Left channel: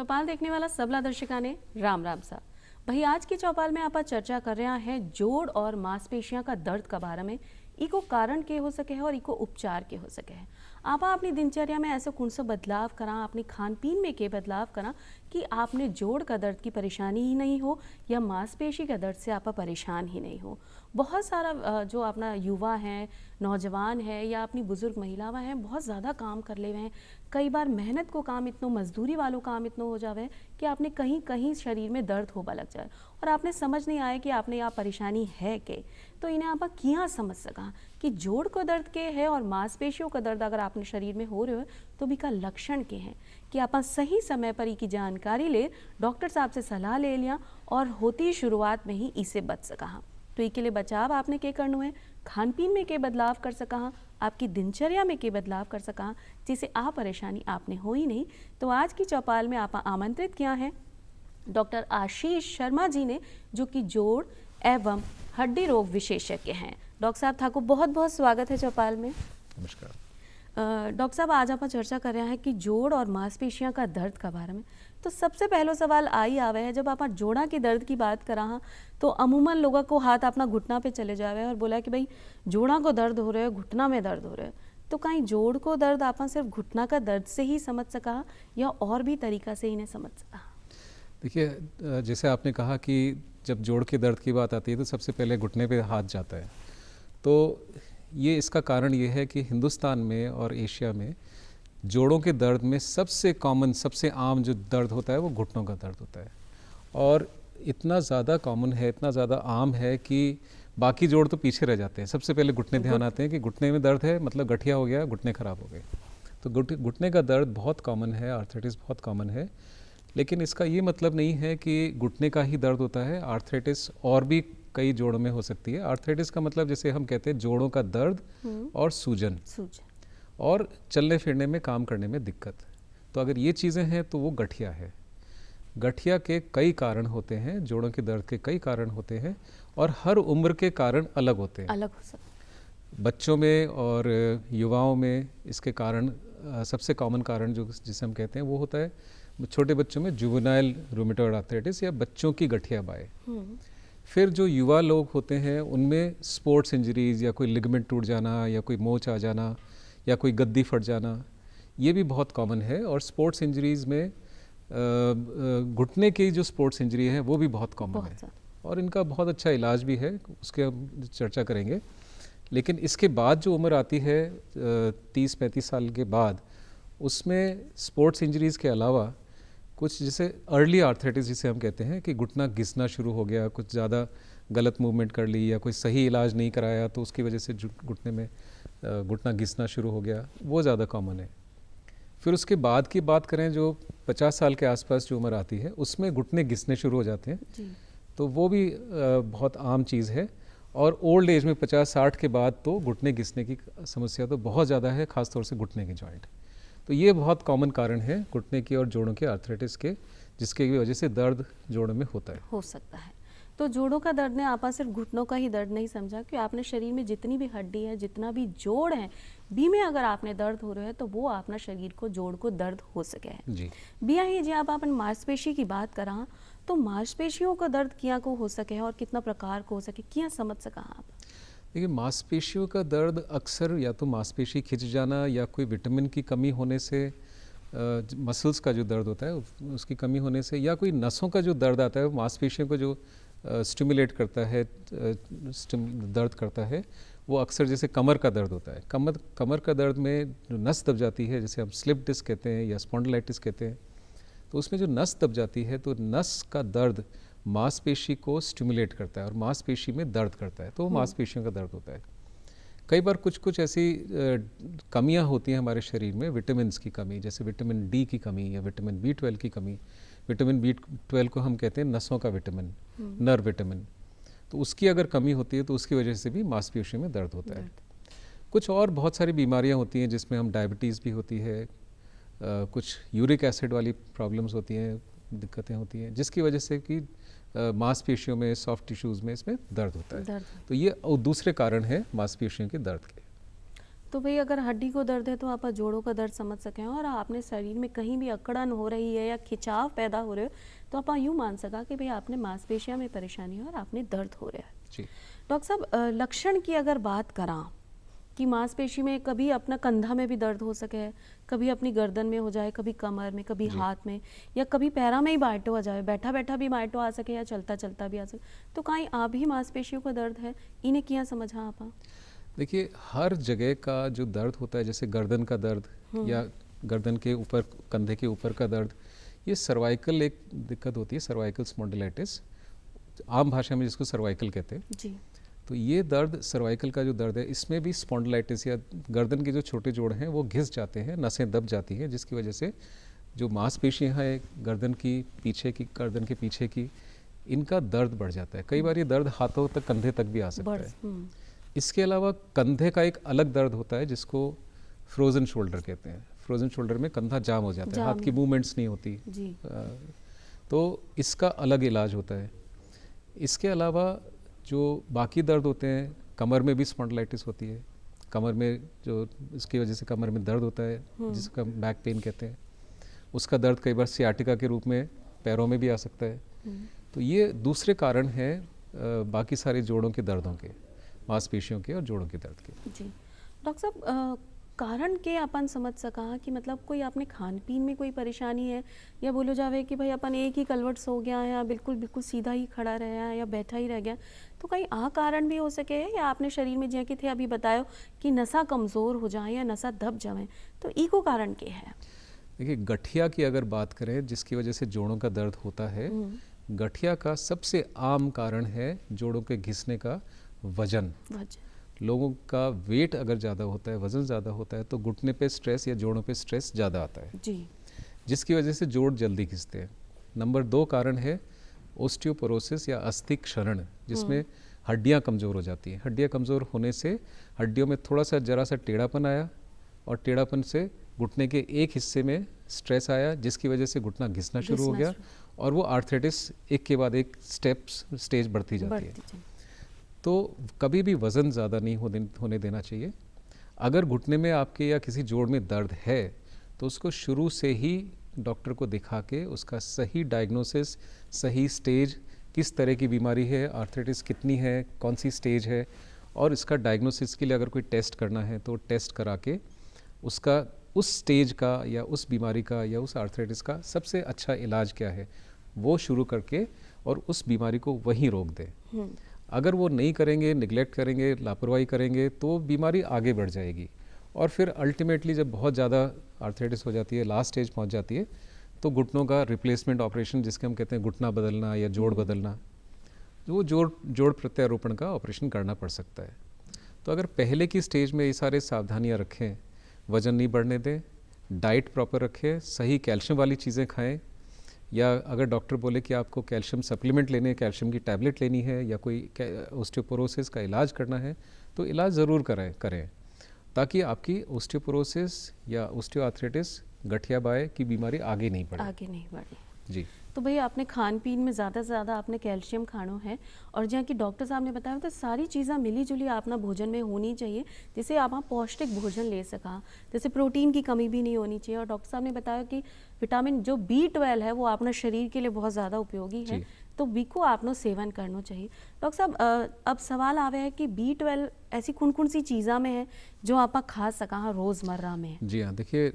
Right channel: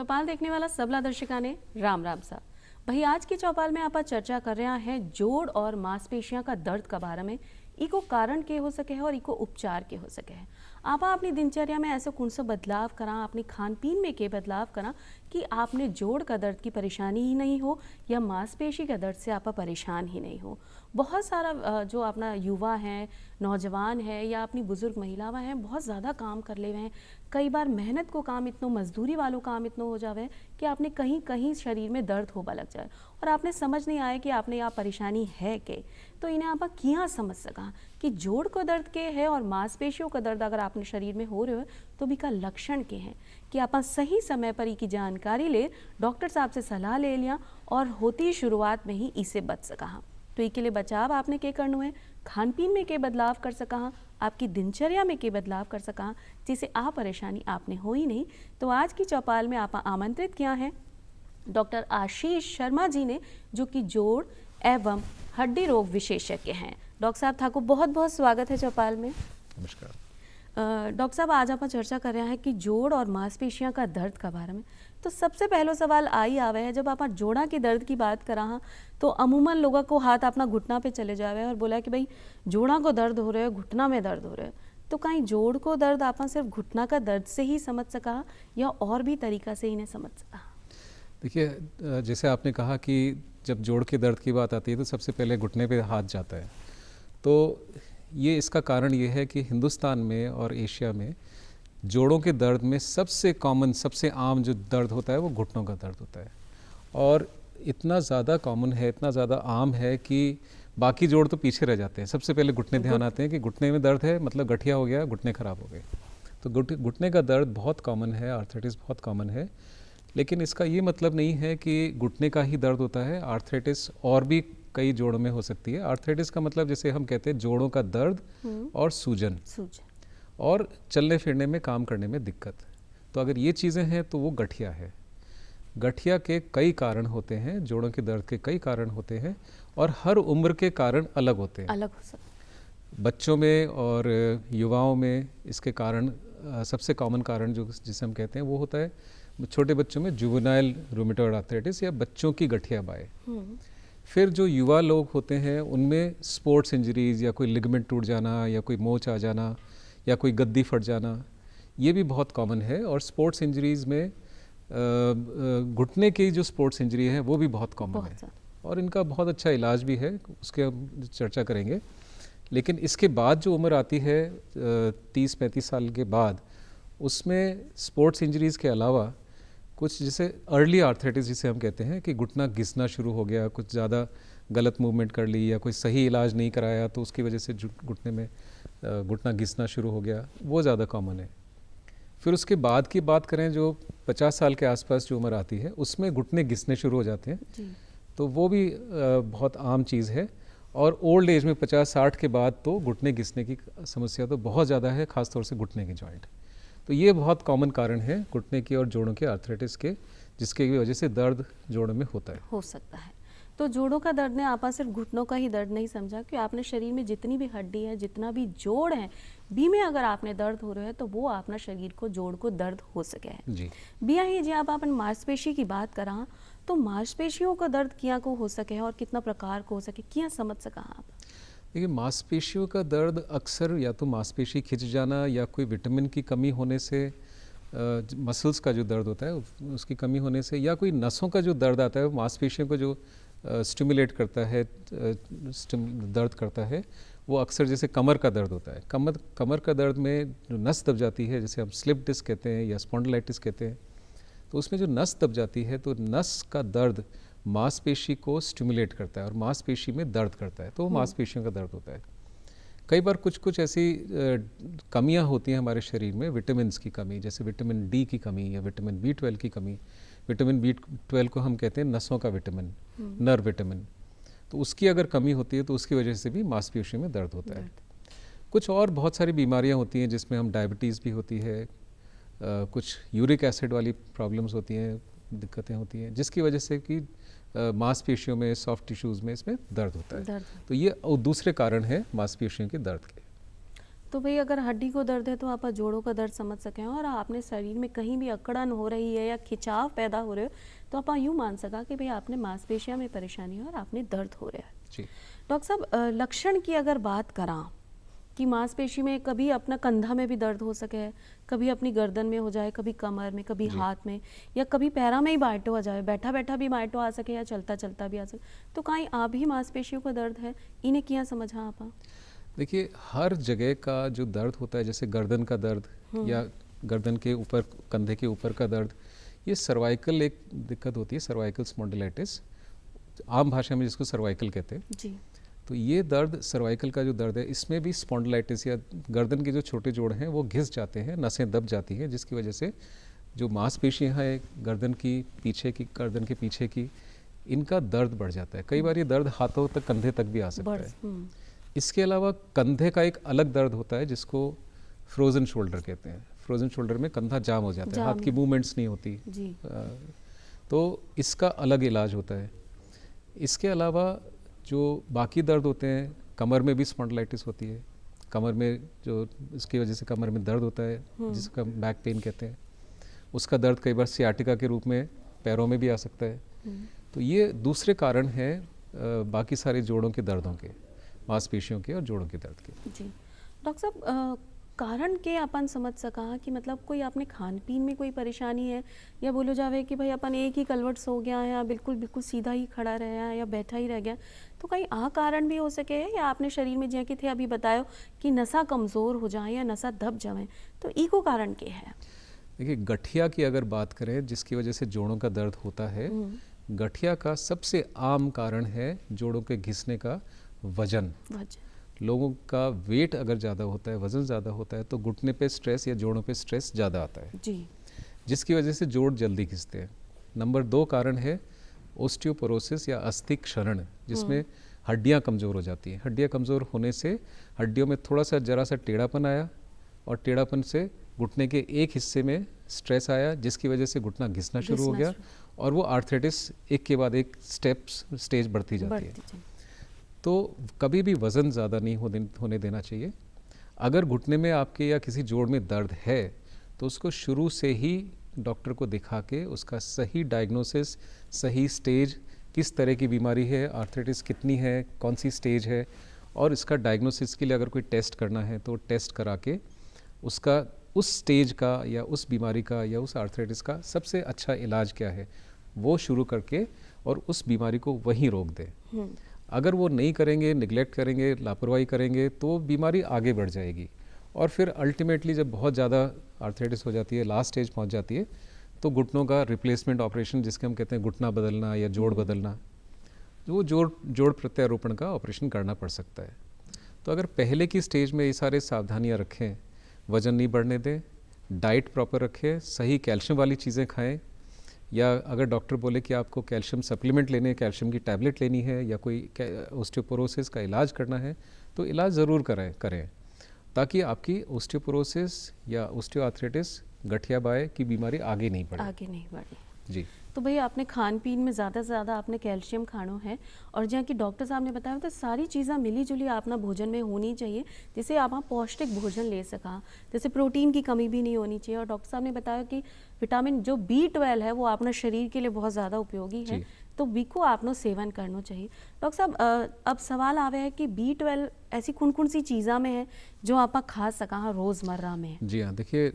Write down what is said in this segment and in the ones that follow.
चौपाल देखने वाला सबला दर्शका ने राम राम सा भाई आज की चौपाल में आप चर्चा कर रहे हैं जोड़ और मांसपेशियां का दर्द के बारे में इको कारण के हो सके है और इको उपचार के हो सके है। आप अपनी दिनचर्या में ऐसे कौन सा बदलाव करा, अपनी खान पीन में के बदलाव करा कि आपने जोड़ का दर्द की परेशानी ही नहीं हो या मांसपेशी का दर्द से आप परेशान ही नहीं हो। बहुत सारा जो अपना युवा हैं, नौजवान है या अपनी बुजुर्ग महिलाएं हैं, बहुत ज़्यादा काम कर ले हुए हैं। कई बार मेहनत को काम इतना, मजदूरी वालों काम इतना हो जावे कि आपने कहीं कहीं शरीर में दर्द होबा लग जाए और आपने समझ नहीं आए कि आपने यहाँ परेशानी है के। तो इन्हें आप किया समझ सका कि जोड़ को दर्द के है और मांसपेशियों का दर्द अगर आपने शरीर में हो रहे हो तो भी का लक्षण के हैं कि आप सही समय पर की जानकारी ले, डॉक्टर साहब से सलाह ले लिया और होती शुरुआत में ही इसे बच सका। तो इसके लिए बचाव आपने के करना है, खान पीन में के बदलाव कर सका, आपकी दिनचर्या में के बदलाव कर सका जिससे आप परेशानी आपने हो ही नहीं। तो आज की चौपाल में आप आमंत्रित किया है डॉक्टर आशीष शर्मा जी ने, जो कि जोड़ एवं हड्डी रोग विशेषज्ञ हैं। डॉक्टर साहब था को बहुत बहुत स्वागत है चौपाल में। नमस्कार डॉक्टर साहब, आज आप चर्चा कर रहे हैं कि जोड़ और मांसपेशियां का दर्द के बारे में। तो सबसे पहला सवाल आई आवे है, जब आप जोड़ा के दर्द की बात करा तो अमूमन लोगों को हाथ अपना घुटना पे चले जावे और बोला कि भाई जोड़ा को दर्द हो रहा है, घुटना में दर्द हो रहा है। तो कहीं जोड़ को दर्द आप सिर्फ घुटना का दर्द से ही समझ सका या और भी तरीका से इन्हें समझ सका? देखिए, जैसे आपने कहा कि जब जोड़ के दर्द की बात आती है तो सबसे पहले घुटने पे हाथ जाता है। तो ये इसका कारण ये है कि हिंदुस्तान में और एशिया में जोड़ों के दर्द में सबसे कॉमन, सबसे आम जो दर्द होता है वो घुटनों का दर्द होता है। और इतना ज़्यादा कॉमन है, इतना ज़्यादा आम है कि बाकी जोड़ तो पीछे रह जाते हैं। सबसे पहले घुटने ध्यान आते हैं कि घुटने में दर्द है, मतलब गठिया हो गया, घुटने ख़राब हो गए। तो घुटने का दर्द बहुत कॉमन है, आर्थराइटिस बहुत कॉमन है। लेकिन इसका ये मतलब नहीं है कि घुटने का ही दर्द होता है। आर्थराइटिस और भी कई जोड़ों में हो सकती है। आर्थराइटिस का मतलब जैसे हम कहते हैं जोड़ों का दर्द और सूजन और चलने फिरने में, काम करने में दिक्कत। तो अगर ये चीज़ें हैं तो वो गठिया है। गठिया के कई कारण होते हैं, जोड़ों के दर्द के कई कारण होते हैं और हर उम्र के कारण अलग होते हैं। अलग हो सकता। बच्चों में और युवाओं में इसके कारण सबसे कॉमन कारण जो जिसे हम कहते हैं वो होता है छोटे बच्चों में जुवेनाइल रूमेटॉइड आर्थराइटिस या बच्चों की गठिया बाय। फिर जो युवा लोग होते हैं उनमें स्पोर्ट्स इंजरीज या कोई लिगामेंट टूट जाना या कोई मोच आ जाना या कोई गद्दी फट जाना, ये भी बहुत कॉमन है। और स्पोर्ट्स इंजरीज में घुटने की जो स्पोर्ट्स इंजरी है वो भी बहुत कॉमन है और इनका बहुत अच्छा इलाज भी है, उसके हम चर्चा करेंगे। लेकिन इसके बाद जो उम्र आती है 30-35 साल के बाद, उसमें स्पोर्ट्स इंजरीज़ के अलावा कुछ जैसे अर्ली आर्थराइटिस जिसे हम कहते हैं कि घुटना घिसना शुरू हो गया, कुछ ज़्यादा गलत मूवमेंट कर ली या कोई सही इलाज नहीं कराया तो उसकी वजह से घुटने में घुटना घिसना शुरू हो गया, वो ज़्यादा कॉमन है। फिर उसके बाद की बात करें जो 50 साल के आसपास जो उम्र आती है उसमें घुटने घिसने शुरू हो जाते हैं, तो वो भी बहुत आम चीज़ है। और ओल्ड एज में 50-60 के बाद तो घुटने घिसने की समस्या तो बहुत ज़्यादा है, ख़ासतौर से घुटने की जॉइंट। तो ये बहुत कॉमन कारण है घुटने की और जोड़ों के आर्थराइटिस के, जिसके वजह से दर्द जोड़ों में होता है, हो सकता है। तो जोड़ों का दर्द ने आप सिर्फ घुटनों का ही दर्द नहीं समझा कि आपने शरीर में जितनी भी हड्डी है, जितना भी जोड़ है, बी में अगर आपने दर्द हो रहा है तो वो अपना शरीर को, जोड़ को दर्द हो सके है जी। बिया ही जी आप अपन मांसपेशी की बात करा तो मांसपेशियों का दर्द क्या को हो सके है और कितना प्रकार को हो सके, क्या समझ सका आप? देखिए, मांसपेशियों का दर्द अक्सर या तो मांसपेशी खिंच जाना या कोई विटामिन की कमी होने से, मसल्स का जो दर्द होता है उसकी कमी होने से, या कोई नसों का जो दर्द आता है वो मांसपेशियों को जो स्टिमुलेट करता है, दर्द करता है, वो अक्सर जैसे कमर का दर्द होता है। कमर का दर्द में जो नस दब जाती है, जैसे हम स्लिप डिस्क कहते हैं या स्पॉन्डिलाइटिस कहते हैं, तो उसमें जो नस दब जाती है तो नस का दर्द मांसपेशी को स्टिमुलेट करता है और मांसपेशी में दर्द करता है, तो वो मांसपेशियों का दर्द होता है। कई बार कुछ ऐसी कमियां होती हैं हमारे शरीर में, विटामिन्स की कमी, जैसे विटामिन डी की कमी या विटामिन B12 की कमी। विटामिन B12 को हम कहते हैं नसों का विटामिन, नर्व विटामिन। तो उसकी अगर कमी होती है तो उसकी वजह से भी मांसपेशियों में दर्द होता है। कुछ और बहुत सारी बीमारियां होती हैं जिसमें हम डायबिटीज़ भी होती है, कुछ यूरिक एसिड वाली प्रॉब्लम्स होती हैं, दिक्कतें होती हैं, जिसकी वजह से कि मांसपेशियों में, सॉफ्ट टिश्यूज़ में इसमें दर्द होता है। तो ये दूसरे कारण हैं मांसपेशियों के दर्द के। तो भाई अगर हड्डी को दर्द है तो आप जोड़ों का दर्द समझ सकें, और आपने शरीर में कहीं भी अकड़न हो रही है या खिंचाव पैदा हो रहे हो तो आप यूँ मान सका कि भाई आपने मांसपेशियों में परेशानी है और आपने दर्द हो रहा है। जी। डॉक्टर साहब, लक्षण की अगर बात करा कि मांसपेशी में कभी अपना कंधा में भी दर्द हो सके, कभी अपनी गर्दन में हो जाए, कभी कमर में, कभी हाथ में, या कभी पैरा में ही बाइटो आ जाए, बैठा बैठा भी बाइटो आ सके या चलता चलता भी आ सके, तो कहीं आप ही मांसपेशियों का दर्द है, इन्हें क्या समझा आप? देखिए, हर जगह का जो दर्द होता है, जैसे गर्दन का दर्द या गर्दन के ऊपर, कंधे के ऊपर का दर्द, ये सर्वाइकल एक दिक्कत होती है, सर्वाइकल स्पॉन्डिलाइटिस, आम भाषा में जिसको सर्वाइकल कहते हैं जी। तो ये दर्द, सर्वाइकल का जो दर्द है, इसमें भी स्पॉन्डिलाइटिस या गर्दन के जो छोटे जोड़ हैं वो घिस जाते हैं, नसें दब जाती हैं, जिसकी वजह से जो मांसपेशियां हैं गर्दन की पीछे की, गर्दन के पीछे की, इनका दर्द बढ़ जाता है। कई बार ये दर्द हाथों तक, कंधे तक भी आ सकता है। इसके अलावा कंधे का एक अलग दर्द होता है जिसको फ्रोजन शोल्डर कहते हैं। फ्रोजन शोल्डर में कंधा जाम हो जाता है, हाथ की मूवमेंट्स नहीं होती जी। तो इसका अलग इलाज होता है। इसके अलावा जो बाकी दर्द होते हैं, कमर में भी स्पॉन्डिलाइटिस होती है, कमर में जो इसकी वजह से कमर में दर्द होता है जिसका बैक पेन कहते हैं, उसका दर्द कई बार सियाटिका के रूप में पैरों में भी आ सकता है। तो ये दूसरे कारण हैं बाकी सारे जोड़ों के दर्दों के, मांसपेशियों के और जोड़ों के दर्द के। जी। डॉक्टर साहब, कारण के अपन समझ सका कि मतलब कोई आपने खान पीन में कोई परेशानी है, या बोलो जावे कि भाई अपन एक ही कलवट सो गया है, या बिल्कुल बिल्कुल सीधा ही खड़ा रहा है, या बैठा ही रह गया, तो कहीं आ कारण भी हो सके है, या आपने शरीर में जैसे थे अभी बतायो कि नसा कमज़ोर हो जाए या नसा दब जाए, तो इको कारण के है? देखिए, गठिया की अगर बात करें जिसकी वजह से जोड़ों का दर्द होता है, गठिया का सबसे आम कारण है जोड़ों के घिसने का वजन। लोगों का वेट अगर ज़्यादा होता है, वज़न ज़्यादा होता है, तो घुटने पे स्ट्रेस या जोड़ों पे स्ट्रेस ज़्यादा आता है जी, जिसकी वजह से जोड़ जल्दी घिसते हैं। नंबर 2 कारण है ओस्टियोपोरोसिस या अस्थि क्षरण, जिसमें हड्डियां कमज़ोर हो जाती हैं। हड्डियां कमज़ोर होने से हड्डियों में थोड़ा सा जरा सा टेढ़ापन आया, और टेढ़ापन से घुटने के एक हिस्से में स्ट्रेस आया जिसकी वजह से घुटना घिसना शुरू हो गया, और वो आर्थराइटिस एक के बाद एक स्टेज बढ़ती जाती है। तो कभी भी वज़न ज़्यादा नहीं होने देना चाहिए। अगर घुटने में आपके या किसी जोड़ में दर्द है तो उसको शुरू से ही डॉक्टर को दिखा के उसका सही डायग्नोसिस, सही स्टेज, किस तरह की बीमारी है, आर्थराइटिस कितनी है, कौन सी स्टेज है, और इसका डायग्नोसिस के लिए अगर कोई टेस्ट करना है तो टेस्ट करा के उसका उस स्टेज का या उस बीमारी का या उस आर्थराइटिस का सबसे अच्छा इलाज क्या है वो शुरू करके और उस बीमारी को वहीं रोक दें। अगर वो नहीं करेंगे, निगलेक्ट करेंगे, लापरवाही करेंगे तो बीमारी आगे बढ़ जाएगी, और फिर अल्टीमेटली जब बहुत ज़्यादा आर्थराइटिस हो जाती है, लास्ट स्टेज पहुंच जाती है, तो घुटनों का रिप्लेसमेंट ऑपरेशन, जिसके हम कहते हैं घुटना बदलना या जोड़ बदलना, वो जोड़ प्रत्यारोपण का ऑपरेशन करना पड़ सकता है। तो अगर पहले की स्टेज में ये सारे सावधानियाँ रखें, वज़न नहीं बढ़ने दें, डाइट प्रॉपर रखें, सही कैल्शियम वाली चीज़ें खाएं, या अगर डॉक्टर बोले कि आपको कैल्शियम सप्लीमेंट लेने, कैल्शियम की टैबलेट लेनी है, या कोई ओस्टियोपोरोसिस का इलाज करना है, तो इलाज ज़रूर करें ताकि आपकी ओस्टियोपोरोसिस या ओस्टियोआर्थराइटिस, गठिया बाय की बीमारी आगे नहीं बढ़े। जी। तो भैया आपने खान पीन में ज़्यादा से ज़्यादा आपने कैल्शियम खानो है, और जहाँ की डॉक्टर साहब ने बताया तो सारी चीज़ें मिली जुली आपना भोजन में होनी चाहिए जिससे आप पौष्टिक भोजन ले सका, जैसे प्रोटीन की कमी भी नहीं होनी चाहिए। और डॉक्टर साहब ने बताया कि विटामिन जो B12 है वो अपना शरीर के लिए बहुत ज़्यादा उपयोगी है, तो बी को आपनो सेवन करना चाहिए। डॉक्टर साहब, अब सवाल आवे है कि B12 ऐसी कौन कौन सी चीज़ा में है जो आप खा सका रोज़मर्रा में? जी हाँ, देखिए,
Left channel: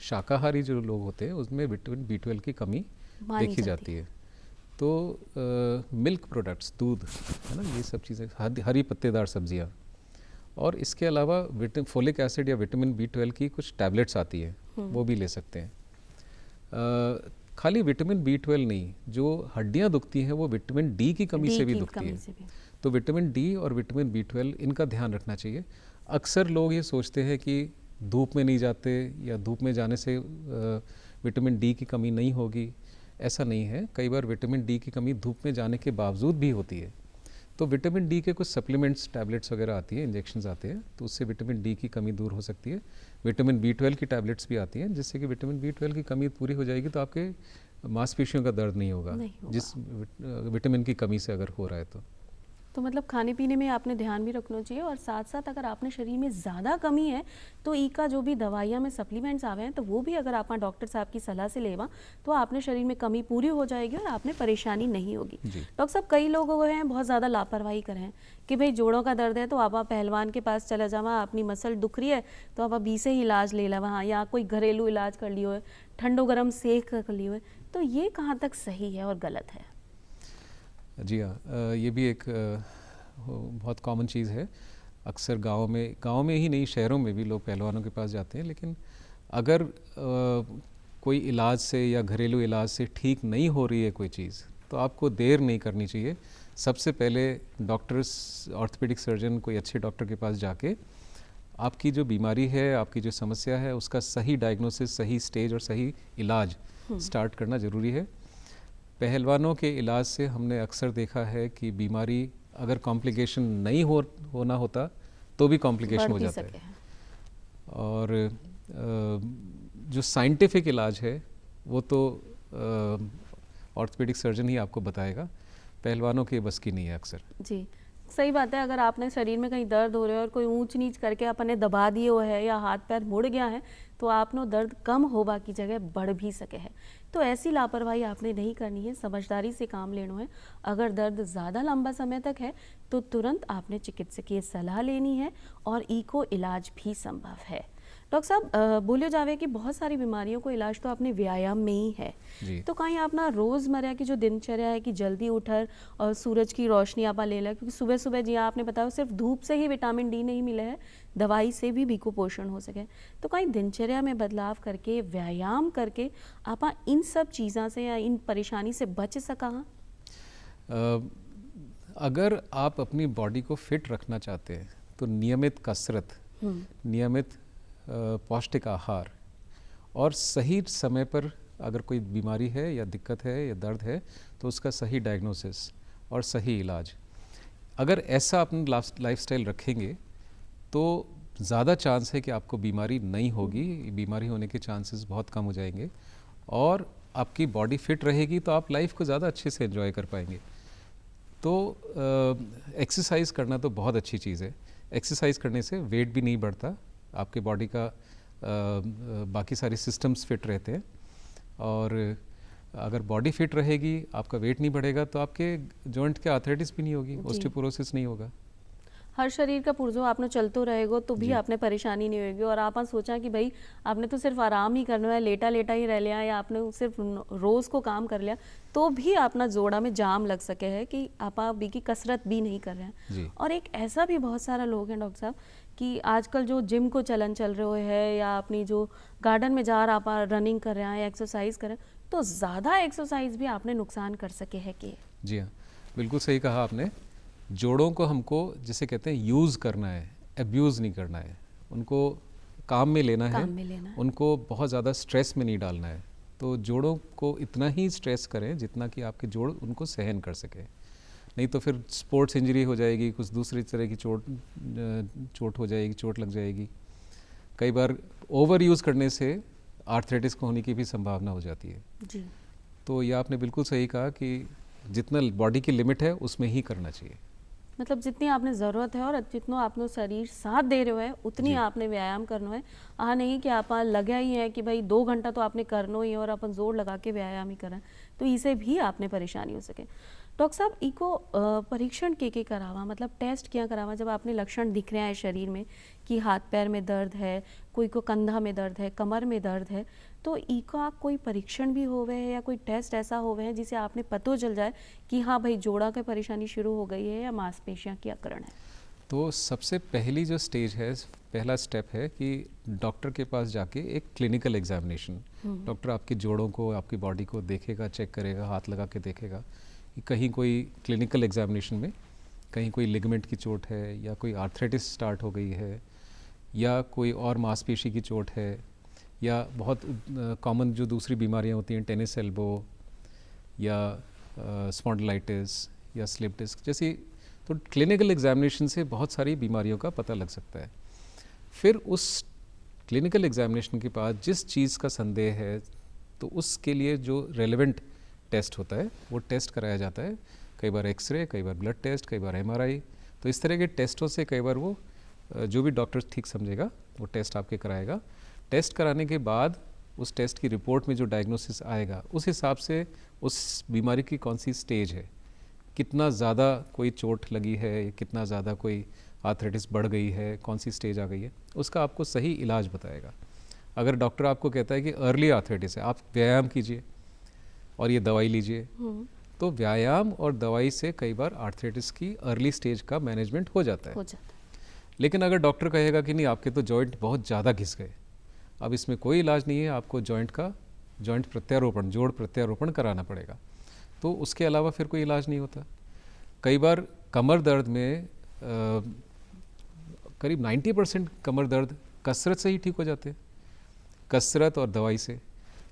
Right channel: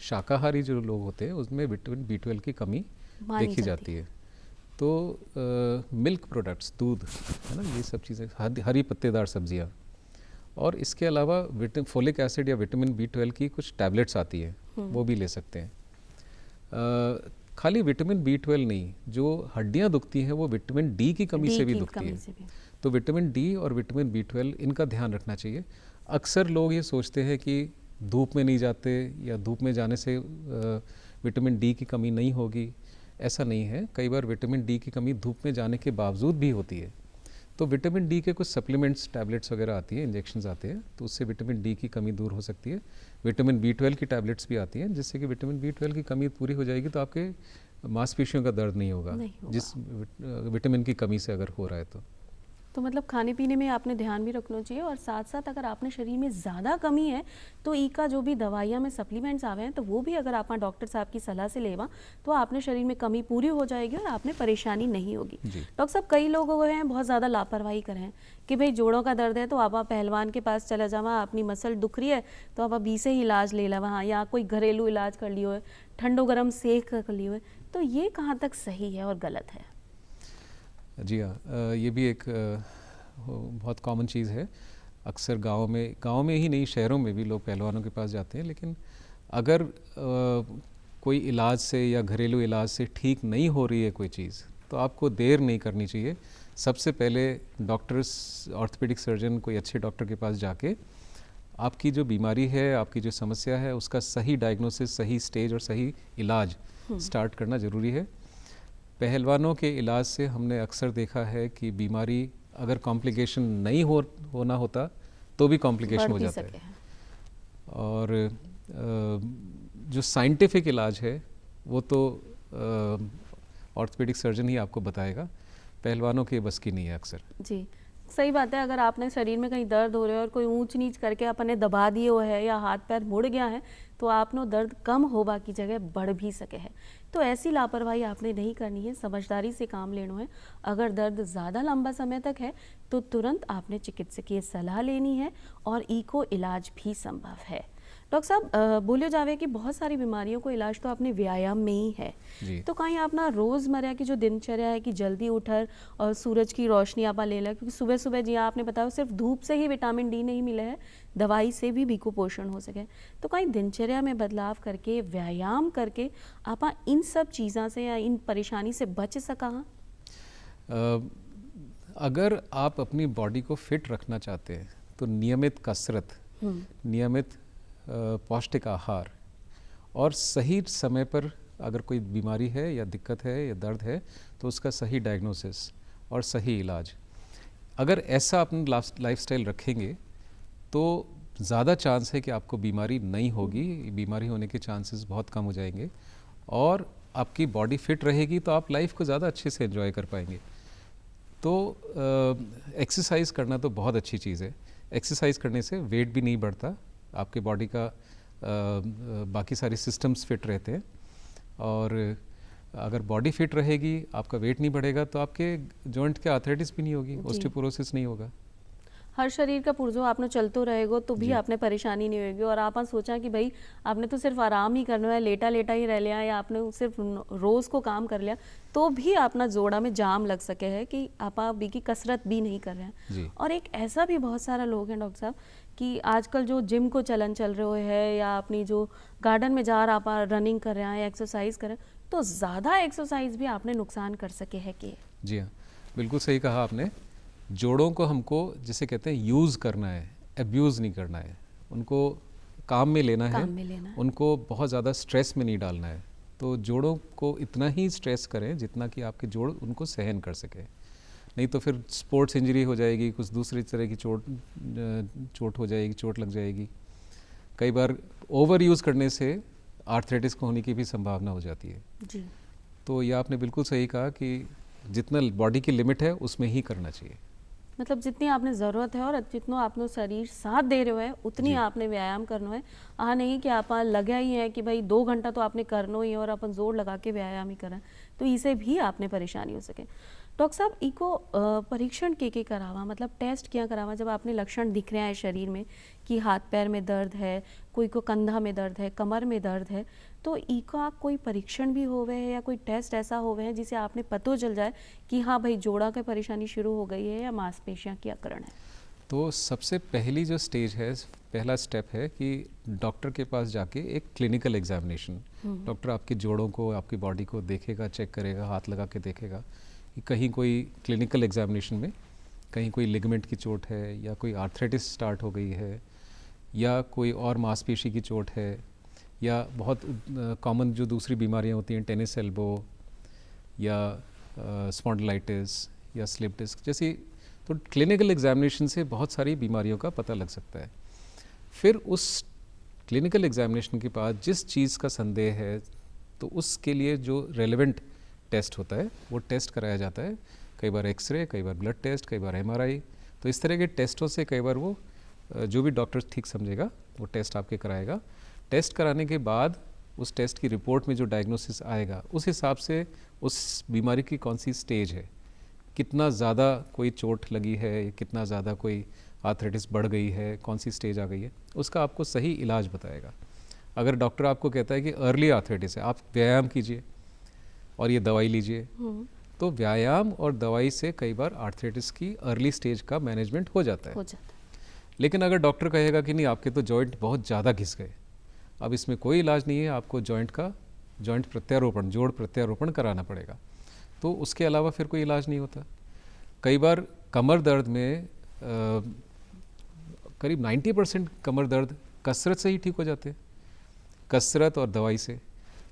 शाकाहारी जो लोग होते हैं उसमें विटामिन B12 की कमी देखी जाती है। तो मिल्क प्रोडक्ट्स, दूध है ना, ये सब चीज़ें, हरी पत्तेदार सब्जियां, और इसके अलावा फोलिक एसिड या विटामिन B12 की कुछ टैबलेट्स आती है, वो भी ले सकते हैं। खाली विटामिन B12 नहीं, जो हड्डियां दुखती हैं वो विटामिन D की कमी से भी दुखती है। तो विटामिन D और विटामिन B12 इनका ध्यान रखना चाहिए। अक्सर लोग ये सोचते हैं कि धूप में नहीं जाते या धूप में जाने से विटामिन D की कमी नहीं होगी, ऐसा नहीं है। कई बार विटामिन D की कमी धूप में जाने के बावजूद भी होती है। तो विटामिन D के कुछ सप्लीमेंट्स, टैबलेट्स वगैरह आती हैं, इंजेक्शंस आते हैं, तो उससे विटामिन D की कमी दूर हो सकती है। विटामिन B12 की टैबलेट्स भी आती हैं जिससे कि विटामिन B12 की कमी पूरी हो जाएगी, तो आपके मांसपेशियों का दर्द नहीं होगा, जिस विटामिन की कमी से अगर हो रहा है तो तो मतलब खाने पीने में आपने ध्यान भी रखना चाहिए, और साथ साथ अगर आपने शरीर में ज़्यादा कमी है तो ई का जो भी दवाइयाँ में सप्लीमेंट्स आवे हैं तो वो भी अगर आप डॉक्टर साहब की सलाह से लेवा तो आपने शरीर में कमी पूरी हो जाएगी और आपने परेशानी नहीं होगी। जी। डॉक्टर साहब, कई लोग वो हैं बहुत ज़्यादा लापरवाही करें कि भाई जोड़ों का दर्द है तो आप पहलवान के पास चला जावा, अपनी मसल दुख रही है तो आप अभी से ही इलाज ले ला वहाँ, या कोई घरेलू इलाज कर लियो है, ठंडो गर्म सेक कर लियो है, तो ये कहाँ तक सही है और गलत है? जी हाँ, ये भी एक बहुत कॉमन चीज़ है। अक्सर गांव में ही नहीं, शहरों में भी लोग पहलवानों के पास जाते हैं, लेकिन अगर कोई इलाज से या घरेलू इलाज से ठीक नहीं हो रही है कोई चीज़, तो आपको देर नहीं करनी चाहिए। सबसे पहले डॉक्टर्स, ऑर्थोपेडिक सर्जन, कोई अच्छे डॉक्टर के पास जाके आपकी जो बीमारी है, आपकी जो समस्या है, उसका सही डायग्नोसिस, सही स्टेज और सही इलाज स्टार्ट करना ज़रूरी है। पहलवानों के इलाज से हमने अक्सर देखा है कि बीमारी अगर कॉम्प्लिकेशन नहीं होना होता तो भी कॉम्प्लिकेशन हो जाता है। और जो साइंटिफिक इलाज है वो तो ऑर्थोपेडिक सर्जन ही आपको बताएगा, पहलवानों के बस की नहीं है अक्सर। जी, सही बात है। अगर आपने शरीर में कहीं दर्द हो रहा है और कोई ऊंच नीच करके अपने दबा दिए हो है या हाथ पैर मुड़ गया है तो आपनो दर्द कम होबा की जगह बढ़ भी सके है। तो ऐसी लापरवाही आपने नहीं करनी है, समझदारी से काम लेना है। अगर दर्द ज़्यादा लंबा समय तक है तो तुरंत आपने चिकित्सकीय सलाह लेनी है और इको इलाज भी संभव है। डॉक्टर साहब, बोले जावे कि बहुत सारी बीमारियों को इलाज तो आपने व्यायाम में ही है, तो कहीं अपना रोज़मर्रा की जो दिनचर्या है कि जल्दी उठर और सूरज की रोशनी आप ले लें, क्योंकि सुबह सुबह जी आपने बताया सिर्फ धूप से ही विटामिन डी नहीं मिले है, दवाई से भी कुपोषण हो सके, तो कहीं दिनचर्या में बदलाव करके, व्यायाम करके आप इन सब चीज़ों से या इन परेशानी से बच सका? अगर आप अपनी बॉडी को फिट रखना चाहते हैं तो नियमित कसरत, नियमित पौष्टिक आहार और सही समय पर अगर कोई बीमारी है या दिक्कत है या दर्द है तो उसका सही डायग्नोसिस और सही इलाज, अगर ऐसा अपना लाइफस्टाइल रखेंगे तो ज़्यादा चांस है कि आपको बीमारी नहीं होगी, बीमारी होने के चांसेस बहुत कम हो जाएंगे और आपकी बॉडी फिट रहेगी तो आप लाइफ को ज़्यादा अच्छे से एंजॉय कर पाएंगे। तो एक्सरसाइज करना तो बहुत अच्छी चीज़ है। एक्सरसाइज करने से वेट भी नहीं बढ़ता, आपके बॉडी का बाकी सारे सिस्टम्स फिट रहते हैं और अगर बॉडी फिट रहेगी, आपका वेट नहीं बढ़ेगा तो आपके जॉइंट के आर्थराइटिस भी नहीं होगी, ऑस्टियोपोरोसिस नहीं होगा। हर शरीर का पुर्जो आपने चलते रहेगा तो भी आपने परेशानी नहीं होगी। और आप सोचा कि भाई आपने तो सिर्फ आराम ही करना है, लेटा लेटा ही रह लिया या आपने सिर्फ रोज़ को काम कर लिया तो भी अपना जोड़ा में जाम लग सके है कि आप बी की कसरत भी नहीं कर रहे हैं। और एक ऐसा भी बहुत सारा लोग हैं डॉक्टर साहब कि आजकल जो जिम को चलन चल रहे है या अपनी जो गार्डन में जा रहा आप रनिंग कर रहे हैं या एक्सरसाइज कर रहे हैं, तो ज़्यादा एक्सरसाइज भी आपने नुकसान कर सके है कि? जी हाँ, बिल्कुल सही कहा आपने। जोड़ों को हमको जिसे कहते हैं यूज़ करना है, अब्यूज़ नहीं करना है, उनको काम में लेना है, उनको बहुत ज़्यादा स्ट्रेस में नहीं डालना है। तो जोड़ों को इतना ही स्ट्रेस करें जितना कि आपके जोड़ उनको सहन कर सके, नहीं तो फिर स्पोर्ट्स इंजरी हो जाएगी, कुछ दूसरी तरह की चोट हो जाएगी, चोट लग जाएगी। कई बार ओवर यूज़ करने से आर्थराइटिस को होने की भी संभावना हो जाती है जी। तो ये आपने बिल्कुल सही कहा कि जितना बॉडी की लिमिट है उसमें ही करना चाहिए। मतलब जितनी आपने ज़रूरत है और जितना आपनो शरीर साथ दे रहे है उतनी आपने व्यायाम करना है। नहीं कि आप लगा ही है कि भाई 2 घंटा तो आपने करना ही है और अपन जोर लगा के व्यायाम ही करें, तो इसे भी आपने परेशानी हो सके। डॉक्टर साहब, इको परीक्षण के करावा, मतलब टेस्ट क्या करावा जब आपने लक्षण दिख रहे हैं शरीर में कि हाथ पैर में दर्द है, कोई को कंधा में दर्द है, कमर में दर्द है, तो इका कोई परीक्षण भी होवे है या कोई टेस्ट ऐसा होवे है जिसे आपने पता चल जाए कि हाँ भाई जोड़ा की परेशानी शुरू हो गई है या मांसपेशियां की अकड़न है? तो सबसे पहली जो स्टेज है, पहला स्टेप है कि डॉक्टर के पास जाके एक क्लिनिकल एग्जामिनेशन, डॉक्टर आपके जोड़ों को, आपकी बॉडी को देखेगा, चेक करेगा, हाथ लगा के देखेगा कि कहीं कोई क्लिनिकल एग्जामिनेशन में कहीं कोई लिगामेंट की चोट है या कोई आर्थराइटिस स्टार्ट हो गई है या कोई और मांसपेशी की चोट है या बहुत कॉमन जो दूसरी बीमारियां होती हैं, टेनिस एल्बो या स्पॉन्डिलाइटिस या स्लिप डिस्क जैसी, तो क्लिनिकल एग्जामिनेशन से बहुत सारी बीमारियों का पता लग सकता है। फिर उस क्लिनिकल एग्जामिनेशन के बाद जिस चीज़ का संदेह है तो उसके लिए जो रेलेवेंट टेस्ट होता है वो टेस्ट कराया जाता है, कई बार एक्सरे, कई बार ब्लड टेस्ट, कई बार एमआरआई। तो इस तरह के टेस्टों से कई बार वो जो भी डॉक्टर ठीक समझेगा वो टेस्ट आपके कराएगा। टेस्ट कराने के बाद उस टेस्ट की रिपोर्ट में जो डायग्नोसिस आएगा उस हिसाब से उस बीमारी की कौन सी स्टेज है, कितना ज़्यादा कोई चोट लगी है, कितना ज़्यादा कोई आर्थराइटिस बढ़ गई है, कौन सी स्टेज आ गई है, उसका आपको सही इलाज बताएगा। अगर डॉक्टर आपको कहता है कि अर्ली आर्थराइटिस है, आप व्यायाम कीजिए और ये दवाई लीजिए, तो व्यायाम और दवाई से कई बार आर्थराइटिस की अर्ली स्टेज का मैनेजमेंट हो जाता है। लेकिन अगर डॉक्टर कहेगा कि नहीं, आपके तो जॉइंट बहुत ज़्यादा घिस गए, अब इसमें कोई इलाज नहीं है, आपको जॉइंट प्रत्यारोपण, जोड़ प्रत्यारोपण कराना पड़ेगा, तो उसके अलावा फिर कोई इलाज नहीं होता। कई बार कमर दर्द में करीब 90% कमर दर्द कसरत से ही ठीक हो जाते हैं, कसरत और दवाई से।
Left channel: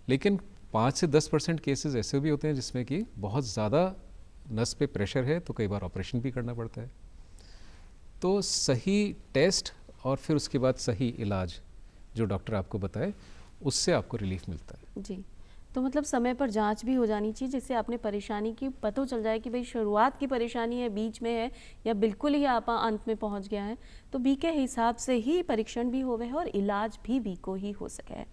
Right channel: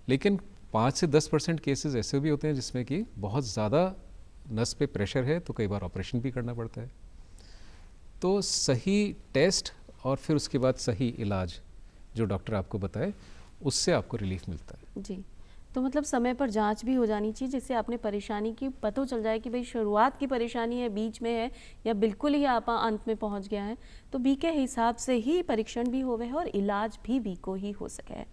लेकिन 5 से 10% केसेस ऐसे भी होते हैं जिसमें कि बहुत ज़्यादा नस पे प्रेशर है, तो कई बार ऑपरेशन भी करना पड़ता है। तो सही टेस्ट और फिर उसके बाद सही इलाज जो डॉक्टर आपको बताए, उससे आपको रिलीफ मिलता है। जी, तो मतलब समय पर जांच भी हो जानी चाहिए, जिससे आपने परेशानी की पता चल जाए कि भाई शुरुआत की परेशानी है, बीच में है, या बिल्कुल ही आप अंत में पहुंच गया है। तो बी के हिसाब से ही परीक्षण भी होवे है और इलाज भी बी को ही हो सके है।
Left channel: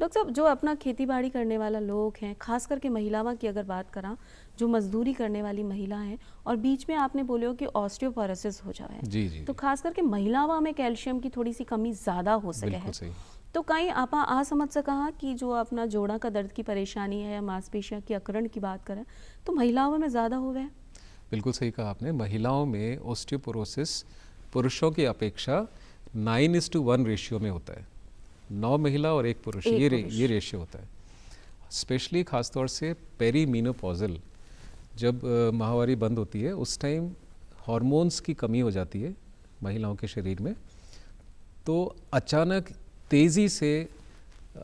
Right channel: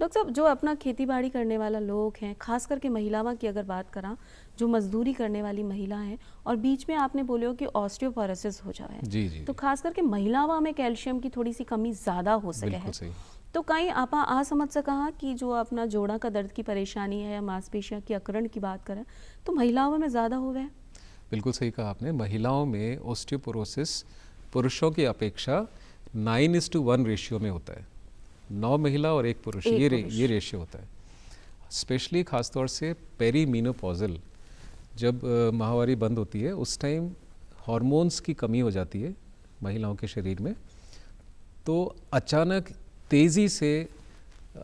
डॉक्टर साहब, जो अपना खेती बाड़ी करने वाला लोग हैं, खास करके महिलावां की अगर बात करा, जो मजदूरी करने वाली महिला हैं, और बीच में आपने बोले हो कि ऑस्टियोपोरोसिस हो जाए, जी। तो खास करके महिलावां में कैल्शियम की थोड़ी सी कमी ज़्यादा हो सके है। तो कहीं आप आ समझ सका कि जो अपना जोड़ा का दर्द की परेशानी है या मांसपेशियां की अकड़न की बात करें, तो महिलाओं में ज़्यादा हो गए? बिल्कुल सही कहा आपने। महिलाओं में ऑस्टियोपोरोसिस पुरुषों की अपेक्षा 9:1 रेशियो में होता है। 9 महिला और 1 पुरुष, ये रेशियो होता है। स्पेशली खासतौर से पेरीमीनोपॉजल, जब माहवारी बंद होती है उस टाइम हार्मोन्स की कमी हो जाती है महिलाओं के शरीर में, तो अचानक तेज़ी से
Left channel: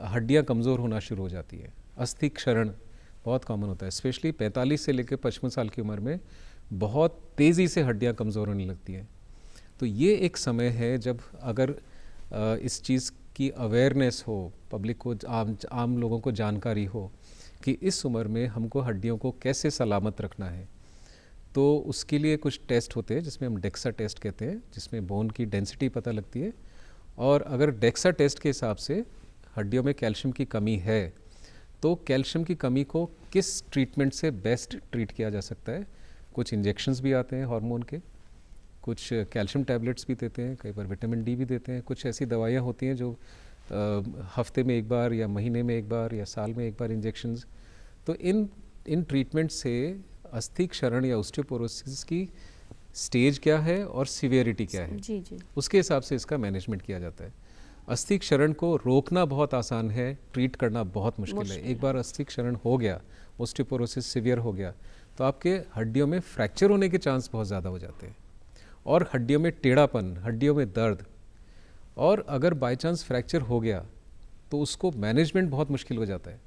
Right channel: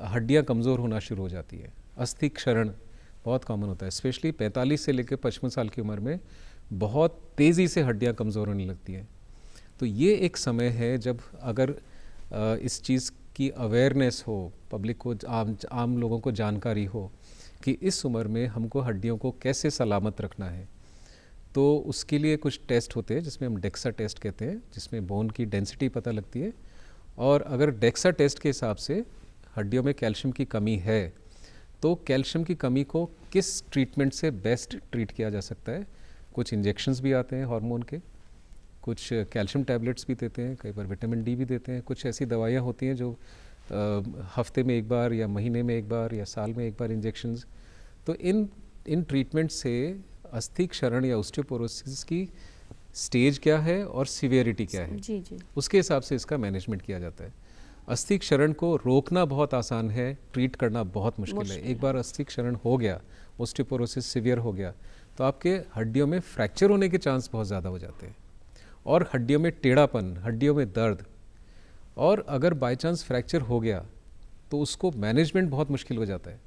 हड्डियां कमज़ोर होना शुरू हो जाती है। अस्थि क्षरण बहुत कॉमन होता है, स्पेशली 45 से लेकर 55 साल की उम्र में बहुत तेज़ी से हड्डियां कमज़ोर होने लगती हैं। तो ये एक समय है जब अगर इस चीज़ की अवेयरनेस हो, पब्लिक को, आम लोगों को जानकारी हो कि इस उम्र में हमको हड्डियों को कैसे सलामत रखना है, तो उसके लिए कुछ टेस्ट होते हैं जिसमें हम डेक्सा टेस्ट कहते हैं, जिसमें बोन की डेंसिटी पता लगती है। और अगर डेक्सा टेस्ट के हिसाब से हड्डियों में कैल्शियम की कमी है, तो कैल्शियम की कमी को किस ट्रीटमेंट से बेस्ट ट्रीट किया जा सकता है। कुछ इंजेक्शंस भी आते हैं हार्मोन के, कुछ कैल्शियम टैबलेट्स भी देते हैं, कई बार विटामिन डी भी देते हैं, कुछ ऐसी दवाइयाँ होती हैं जो हफ्ते में एक बार या महीने में एक बार या साल में एक बार इंजेक्शंस। तो इन ट्रीटमेंट से अस्थि क्षरण या ऑस्टियोपोरोसिस की स्टेज क्या है और सीवियरिटी क्या है, जी, उसके हिसाब से इसका मैनेजमेंट किया जाता है। अस्थि क्षरण को रोकना बहुत आसान है, ट्रीट करना बहुत मुश्किल है। एक बार अस्थि क्षरण हो गया, ऑस्टियोपोरोसिस सीवियर हो गया, तो आपके हड्डियों में फ्रैक्चर होने के चांस बहुत ज़्यादा हो जाते हैं, और हड्डियों में टेढ़ापन, हड्डियों में दर्द, और अगर बाय चांस फ्रैक्चर हो गया तो उसको मैनेजमेंट बहुत मुश्किल हो जाता है,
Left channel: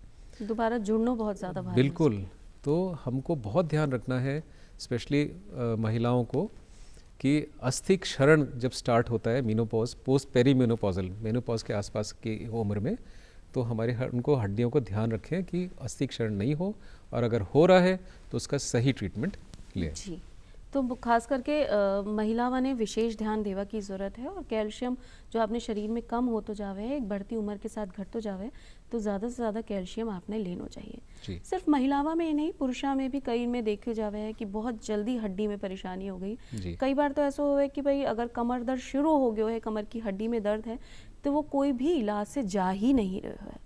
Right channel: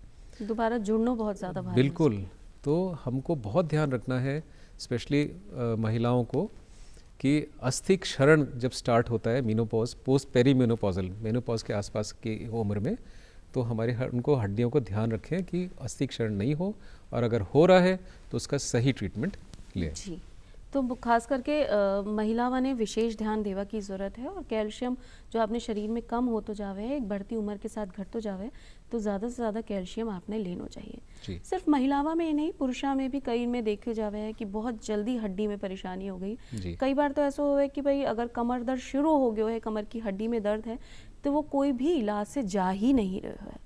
दोबारा जुड़ना बहुत ज़्यादा भारी। बिल्कुल। तो हमको बहुत ध्यान रखना है, स्पेशली महिलाओं को, कि अस्थि क्षरण जब स्टार्ट होता है मीनोपॉज, पोस्ट पेरीमेनोपॉजल, मेनोपॉज के आसपास की उम्र में, तो उनको हड्डियों को ध्यान रखें कि अस्थि क्षरण नहीं हो, और अगर हो रहा है तो उसका सही ट्रीटमेंट लें। जी, तो खास करके महिलावां ने विशेष ध्यान देवा की ज़रूरत है, और कैल्शियम जो आपने शरीर में कम हो तो जावे है, एक बढ़ती उम्र के साथ घट तो जावे, तो ज़्यादा से ज़्यादा कैल्शियम आपने लेना चाहिए। सिर्फ महिलावां में ही नहीं, पुरुषा में भी कई में देखे जावे है कि बहुत जल्दी हड्डी में परेशानी हो गई। कई बार तो ऐसा हुआ है कि भाई अगर कमर दर्द शुरू हो गया है, कमर की हड्डी में दर्द है, तो वो कोई भी इलाज से जा ही नहीं रहा है।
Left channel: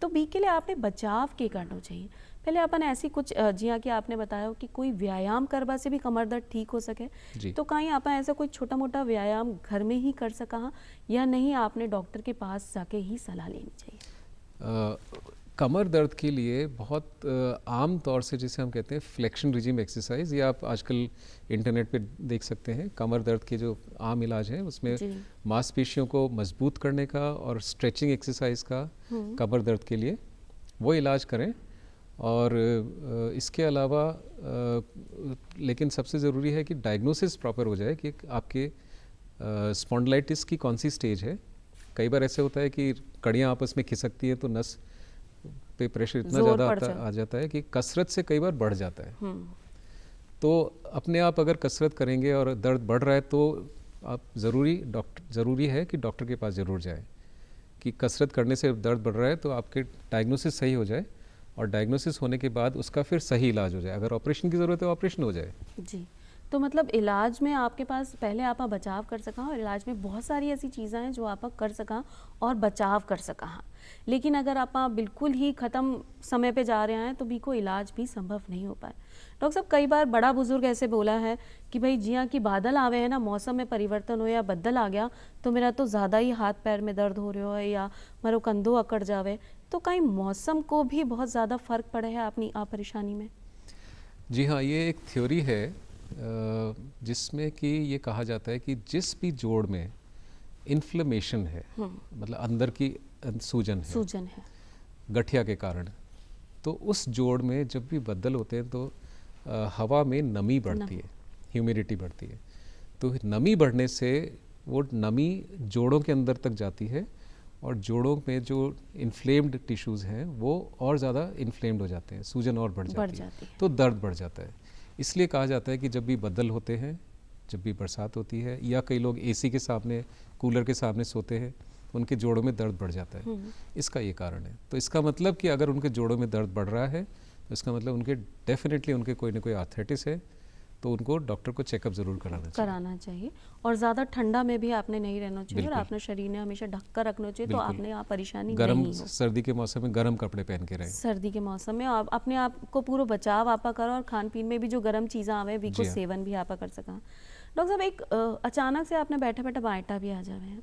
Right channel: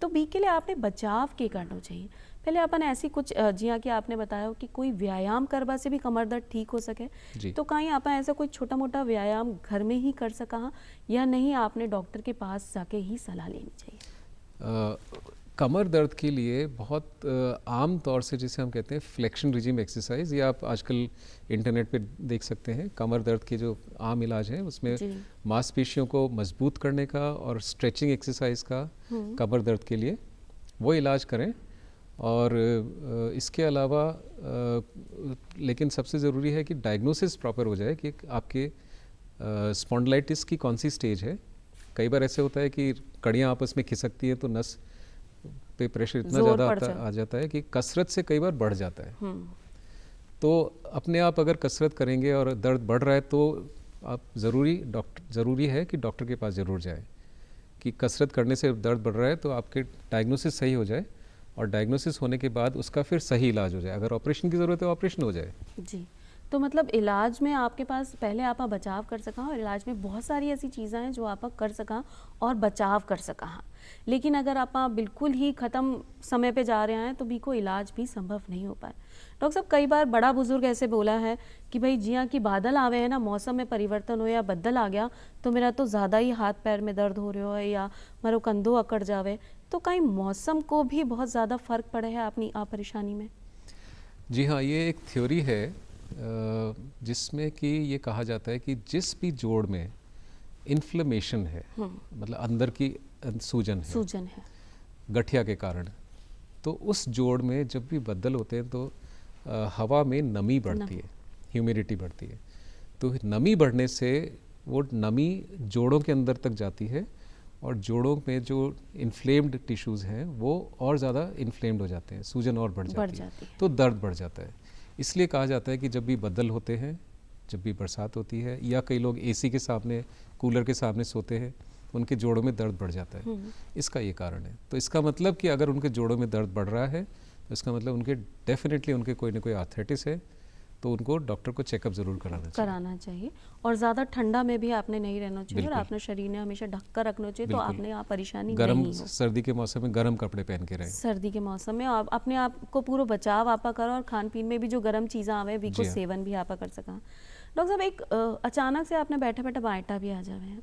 तो बी के लिए आपने बचाव के करना चाहिए। पहले अपन ऐसी कुछ, जी हाँ, कि आपने बताया कि कोई व्यायाम करवा से भी कमर दर्द ठीक हो सके, तो कहीं आप ऐसा कोई छोटा मोटा व्यायाम घर में ही कर सका, या नहीं आपने डॉक्टर के पास जाके ही सलाह लेनी चाहिए? कमर दर्द के लिए बहुत आम तौर से जिसे हम कहते हैं फ्लेक्शन रिजिम एक्सरसाइज, ये आप आजकल इंटरनेट पे देख सकते हैं। कमर दर्द के जो आम इलाज है उसमें मांसपेशियों को मजबूत करने का और स्ट्रेचिंग एक्सरसाइज का कमर दर्द के लिए वो इलाज करें। और इसके अलावा लेकिन सबसे ज़रूरी है कि डायग्नोसिस प्रॉपर हो जाए कि आपके स्पॉन्डिलाइटिस की कौन सी स्टेज है। कई बार ऐसे होता है कि कड़ियाँ आपस में खिसकती है तो नस पे प्रेशर इतना ज़्यादा आ जाता है कि कसरत से कई बार बढ़ जाता है। तो अपने आप अगर कसरत करेंगे और दर्द बढ़ रहा है तो आप ज़रूरी है कि डॉक्टर के पास ज़रूर जाएं, कि कसरत करने से दर्द बढ़ रहा है तो आपके डायग्नोसिस सही हो जाए, और डायग्नोसिस होने के बाद उसका फिर सही इलाज हो जाए। अगर ऑपरेशन की ज़रूरत है ऑपरेशन हो जाए। जी, तो मतलब इलाज में आपके पास पहले आप बचाव कर सका, और इलाज में बहुत सारी ऐसी चीज़ें हैं जो आप कर सका और बचाव कर सका। लेकिन अगर आप बिल्कुल ही ख़त्म समय पे जा रहे हैं तो भी कोई इलाज भी संभव नहीं हो पाए। डॉक्टर साहब, कई बार बड़ा बुजुर्ग ऐसे बोला है कि भाई जी हाँ, कि बादल आवे है ना, मौसम में परिवर्तन हो या बदल आ गया तो मेरा तो ज़्यादा ही हाथ पैर में दर्द हो रहा है या मारो कंधो अकड़ जावे, तो कहीं मौसम को भी बहुत ज़्यादा फर्क पड़े है अपनी परेशानी में? जी हाँ, ये एक थ्योरी है जिसमें कि ये कहा जाता है कि जिस भी जोड़ में इन्फ्लेमेशन है, मतलब अंदर की सूजन है गठिया के कारण, तो उस जोड़ में जब भी बदल होते हैं तो हवा में नमी बढ़ती है, ह्यूमिडिटी बढ़ती है। तो नमी बढ़ने से वो नमी जोड़ों के अंदर तक जाती है, और जोड़ों में जो इन्फ्लेम्ड टिश्यूज़ हैं वो और ज़्यादा इन्फ्लेम्ड हो जाते हैं, सूजन और बढ़ जाती है, तो दर्द बढ़ जाता है। इसलिए कहा जाता है कि जब भी बदल होते हैं, जब भी बरसात होती है, या कई लोग एसी के सामने, कूलर के सामने सोते हैं, उनके जोड़ों में दर्द बढ़ जाता है। इसका ये कारण है। तो इसका मतलब कि अगर उनके जोड़ों में दर्द बढ़ रहा है तो इसका मतलब उनके डेफिनेटली उनके कोई ना कोई आर्थराइटिस है, तो उनको डॉक्टर को चेकअप ज़रूर कराना चाहिए। और ज़्यादा ठंडा में भी आपने नहीं रहना चाहिए, और अपने शरीर ने हमेशा ढक कर रखना चाहिए, तो आपने यहाँ परेशानी नहीं हो। सर्दी के मौसम में गर्म कपड़े पहन के रहें। सर्दी के मौसम में आप अपने आप को पूरा बचाव आपा करो, और खान पीन में भी जो गर्म चीज़ें आवे वी को सेवन भी आपा कर सका। डॉक्टर साहब, एक अचानक से आपने बैठे बैठे बाइटा भी आ जावे हैं,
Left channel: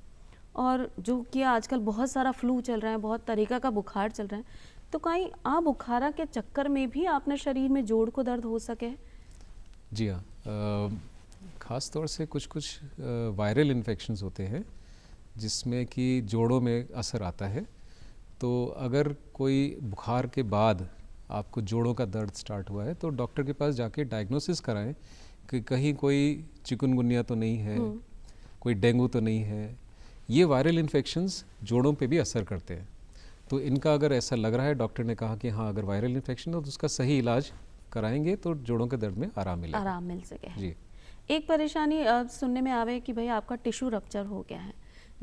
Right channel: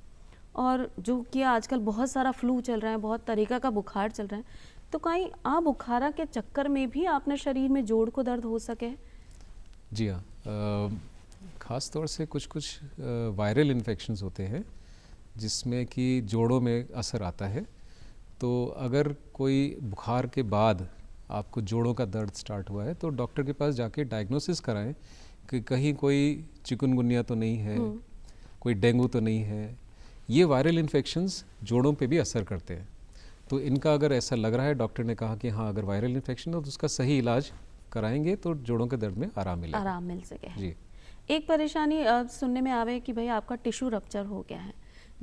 और जो कि आजकल बहुत सारा फ्लू चल रहा है, बहुत तरीका का बुखार चल रहा है, तो कहीं बुखारा के चक्कर में भी आपने शरीर में जोड़ को दर्द हो सके? जी हाँ, ख़ास तौर से कुछ वायरल इन्फेक्शंस होते हैं जिसमें कि जोड़ों में असर आता है। तो अगर कोई बुखार के बाद आपको जोड़ों का दर्द स्टार्ट हुआ है तो डॉक्टर के पास जाके डायग्नोसिस कराएं कि कहीं कोई चिकनगुनिया तो नहीं है, कोई डेंगू तो नहीं है। ये वायरल इन्फेक्शंस जोड़ों पे भी असर करते हैं, तो इनका अगर ऐसा लग रहा है, डॉक्टर ने कहा कि हाँ अगर वायरल इन्फेक्शन हो तो उसका सही इलाज कराएंगे तो जोड़ों के दर्द में आराम मिल सके। जी, एक परेशानी सुनने में आवे कि भाई आपका टिश्यू रप्चर हो गया है,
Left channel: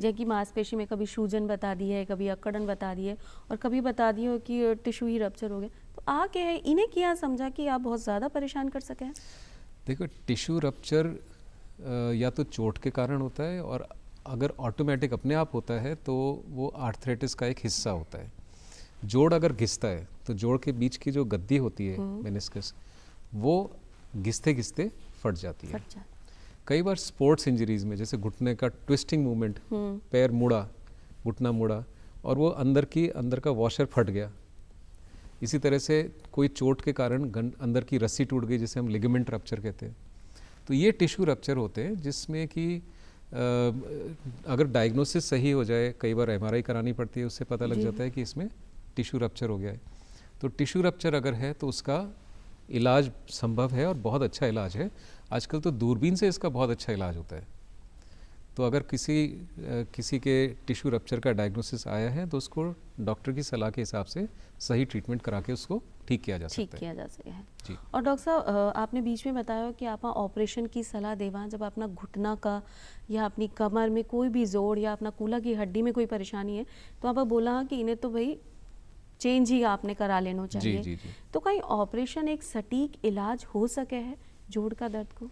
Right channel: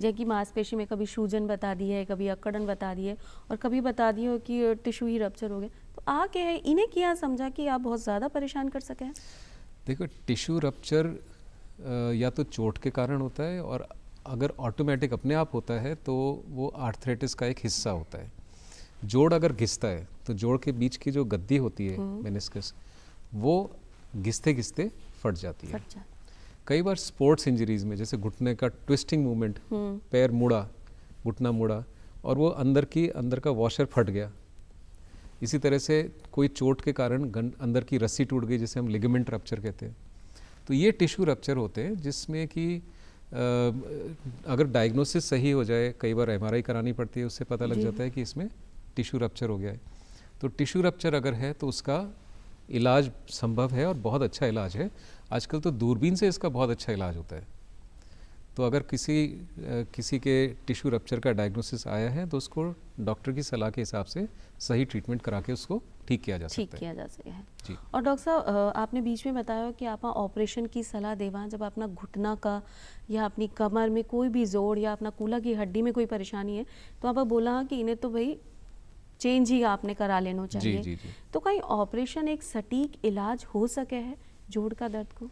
जैसे कि मांसपेशी में कभी सूजन बता दी है, कभी अकड़न बता दी है, और कभी बता दी हो कि टिश्यू ही रप्चर हो गया, तो आके इन्हें क्या समझा कि आप बहुत ज़्यादा परेशान कर सके? देखो, टिश्यू रप्चर या तो चोट के कारण होता है, और अगर ऑटोमेटिक अपने आप होता है तो वो आर्थराइटिस का एक हिस्सा होता है। जोड़ अगर घिसता है तो जोड़ के बीच की जो गद्दी होती है मेनिस्कस, वो घिसते घिसते फट जाती है। कई बार स्पोर्ट्स इंजरीज में, जैसे घुटने का ट्विस्टिंग मूवमेंट, पैर मुड़ा, घुटना मुड़ा, और वो अंदर का वॉशर फट गया। इसी तरह से कोई चोट के कारण अंदर की रस्सी टूट गई, जिसे हम लिगामेंट रप्चर कहते हैं। तो ये टिश्यू रप्चर होते हैं जिसमें कि अगर डायग्नोसिस सही हो जाए, कई बार एमआरआई करानी पड़ती है, उससे पता लग जाता है कि इसमें टिश्यू रप्चर हो गया है। तो टिश्यू रप्चर अगर है तो उसका इलाज संभव है, और बहुत अच्छा इलाज है। आजकल तो दूरबीन से इसका बहुत अच्छा इलाज होता है। तो अगर किसी के टिश्यू रप्चर का डायग्नोसिस आया है तो उसको डॉक्टर की सलाह के हिसाब से सही ट्रीटमेंट करा के उसको ठीक किया जा सकता है। जी। और डॉक्टर साहब, आपने बीच में बताया कि आप ऑपरेशन की सलाह देवा जब अपना घुटना का या अपनी कमर में कोई भी जोड़ या अपना कूल्हा की हड्डी में कोई परेशानी है, तो आप बोला कि इन्हें तो भाई चेंज ही आपने करा लेना चाहिए। जी। तो कहीं ऑपरेशन एक सटीक इलाज हो सके है जोड़ का दर्द को?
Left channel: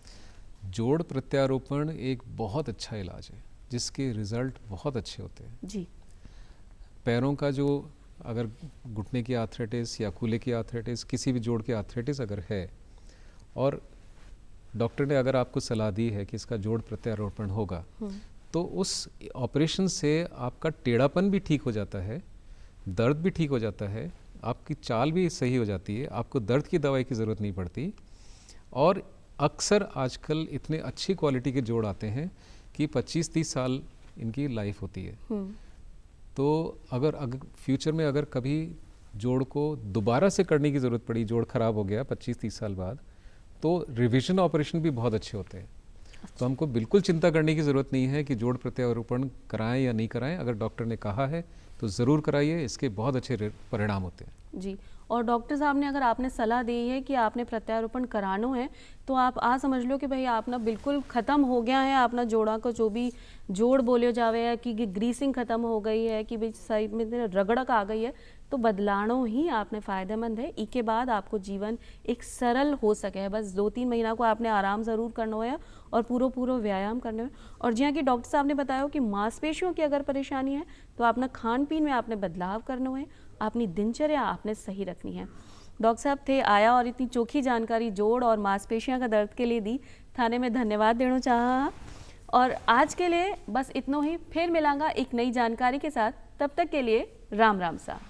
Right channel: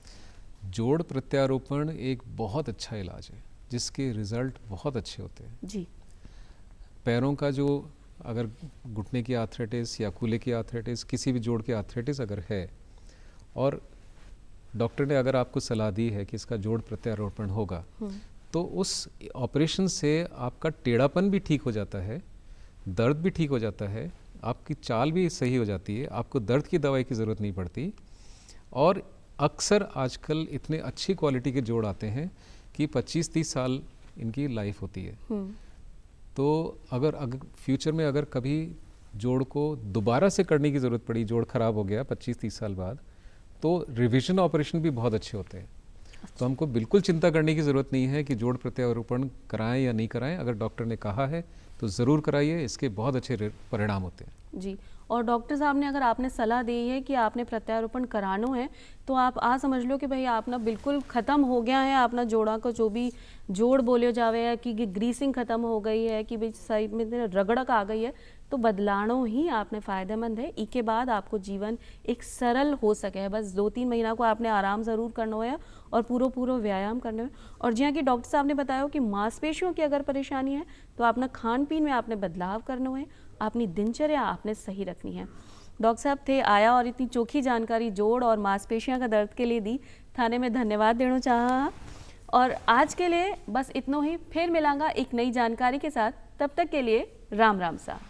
जोड़ प्रत्यारोपण एक बहुत अच्छा इलाज है जिसके रिजल्ट बहुत अच्छे होते हैं। जी। पैरों का जो, अगर घुटने की आर्थराइटिस या कूल्हे की आर्थराइटिस, किसी भी जोड़ की आर्थराइटिस अगर है, और डॉक्टर ने अगर आपको सलाह दी है कि इसका जोड़ प्रत्यारोपण होगा, तो उस ऑपरेशन से आपका टेढ़ापन भी ठीक हो जाता है, दर्द भी ठीक हो जाता है, आपकी चाल भी सही हो जाती है, आपको दर्द की दवाई की ज़रूरत नहीं पड़ती। और अक्सर आजकल इतने अच्छी क्वालिटी के जोड़ आते हैं कि 25-30 साल इनकी लाइफ होती है। तो अगर फ्यूचर में अगर कभी जोड़ को दोबारा से करने की ज़रूरत पड़ी, जोड़ ख़राब हो गया 25-30 साल बाद, तो रिविजन ऑपरेशन भी बहुत अच्छे होते हैं। तो हमको बिल्कुल चिंता करने की ज़रूरत नहीं है कि जोड़ प्रत्यारोपण कराएं या नहीं कराएं। अगर डॉक्टर ने कहा है तो ज़रूर कराइए, इसके बहुत अच्छे परिणाम होते हैं। जी। और डॉक्टर साहब ने अगर आपने सलाह दी है कि आपने प्रत्यारोपण कराना है, तो आप आ समझ लो कि भाई आप ना बिल्कुल ख़त्म हो गया है अपना जोड़ा का जो भी जोड़ बोलियो जावे है कि ग्रीसिंग ख़त्म हो गई है कि भाई साइड में रगड़क आ गई है, तो बदलानो ही आपने फ़ायदेमंद है। इसके बाद आपको जीवन एक सरल हो सके है। बस 2-3 महीना को आपने आराम ज़रूर करना है और पूरा व्यायाम करना है। और जिया कि डॉक्टर साहब ने बताया कि मांसपेशियों की अगर परेशानी है तो अपना खान पीन में आपने बदलाव करना है, अपनी दिनचर्या आपने सही रखनी है। डॉक्टर साहब थे आया और इतनी चोखी जानकारी जोड़ और मांसपेशियों का दर्द के लिए दी, थाने में धन्यवाद देना चाहा। और आज के लिए बस इतना ही, फिर मिलांगा एक नई जानकारी के साथ। तब तक के लिए राम राम सा।